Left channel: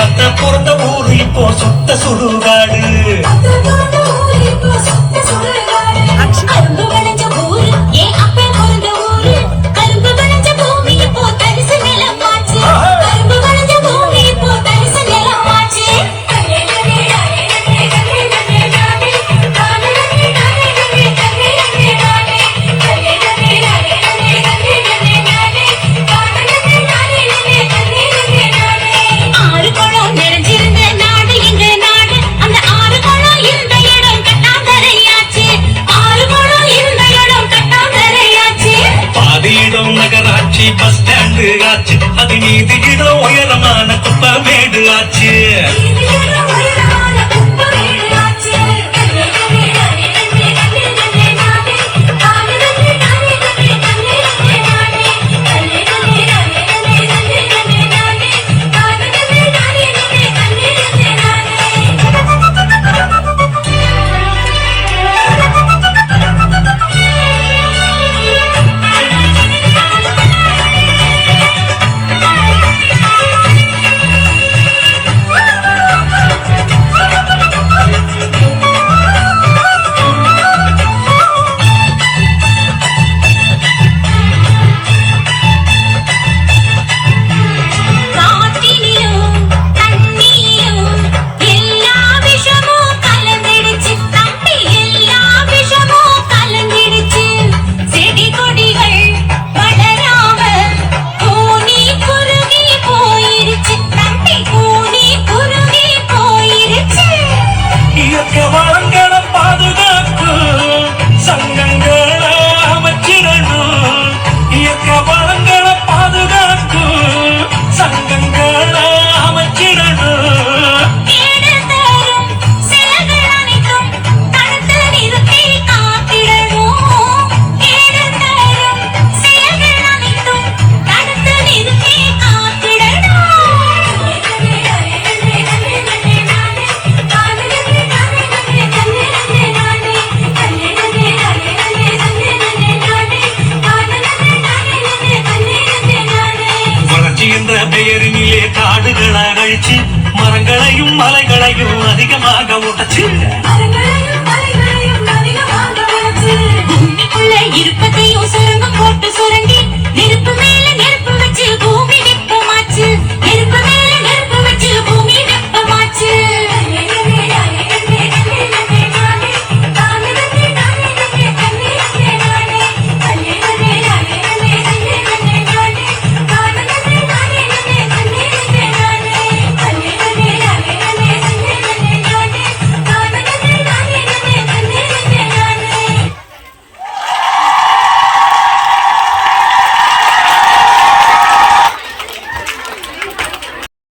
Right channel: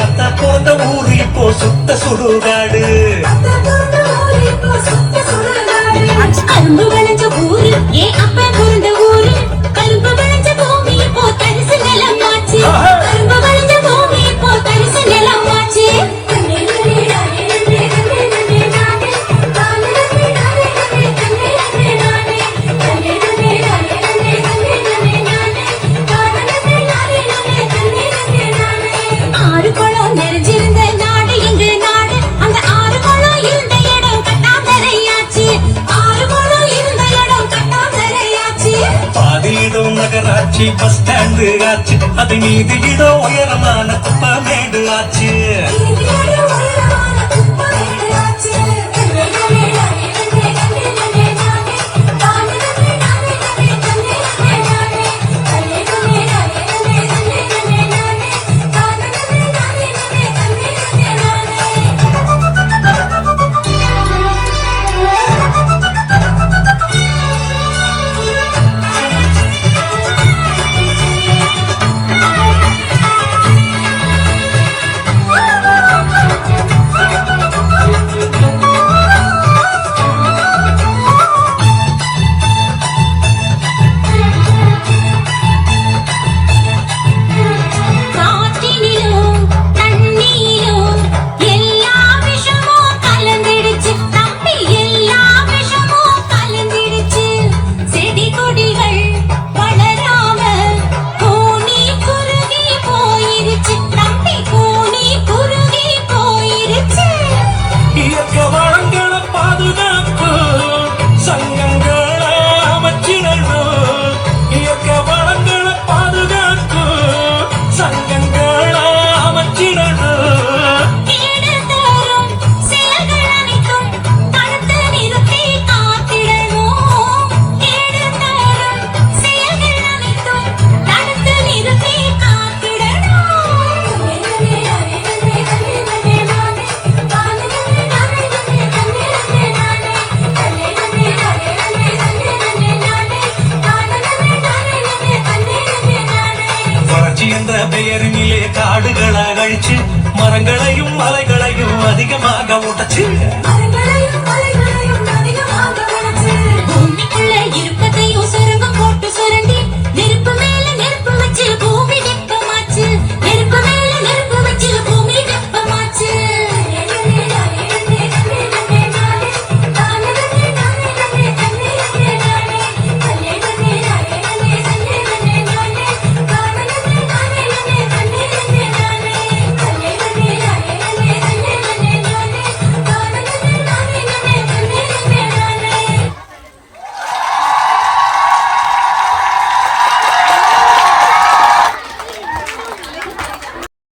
ஆத்தா பிறந்த ஊரு இப்போ சுத்த சுடுகாடு. கரும்பு விளைஞ்ச ஊரு ஏன் அப்பே பிறந்த ஊரு. கரும்பு விளைஞ்ச பூமி இப்போ தரிசு நிலமாச்சு. கரும்பு விளைஞ்ச பூமி இப்போ தரிசு நிலமாச்சு. ஆறு குளம் நிறைஞ்சிருந்த நாடு எங்க நாடு. அந்த ஆறு குளம் இருந்த இடம் கட்டாந்தரையாச்சு. ஆறு குளம் இருந்த இடம் கட்டாந்தரையாச்சு. பாதியிடம் நகராட்சி பஸ் ஸ்டாண்டு ஆச்சு. அது மீது இடம் உயரமான குப்பமேடு ஆச்சு.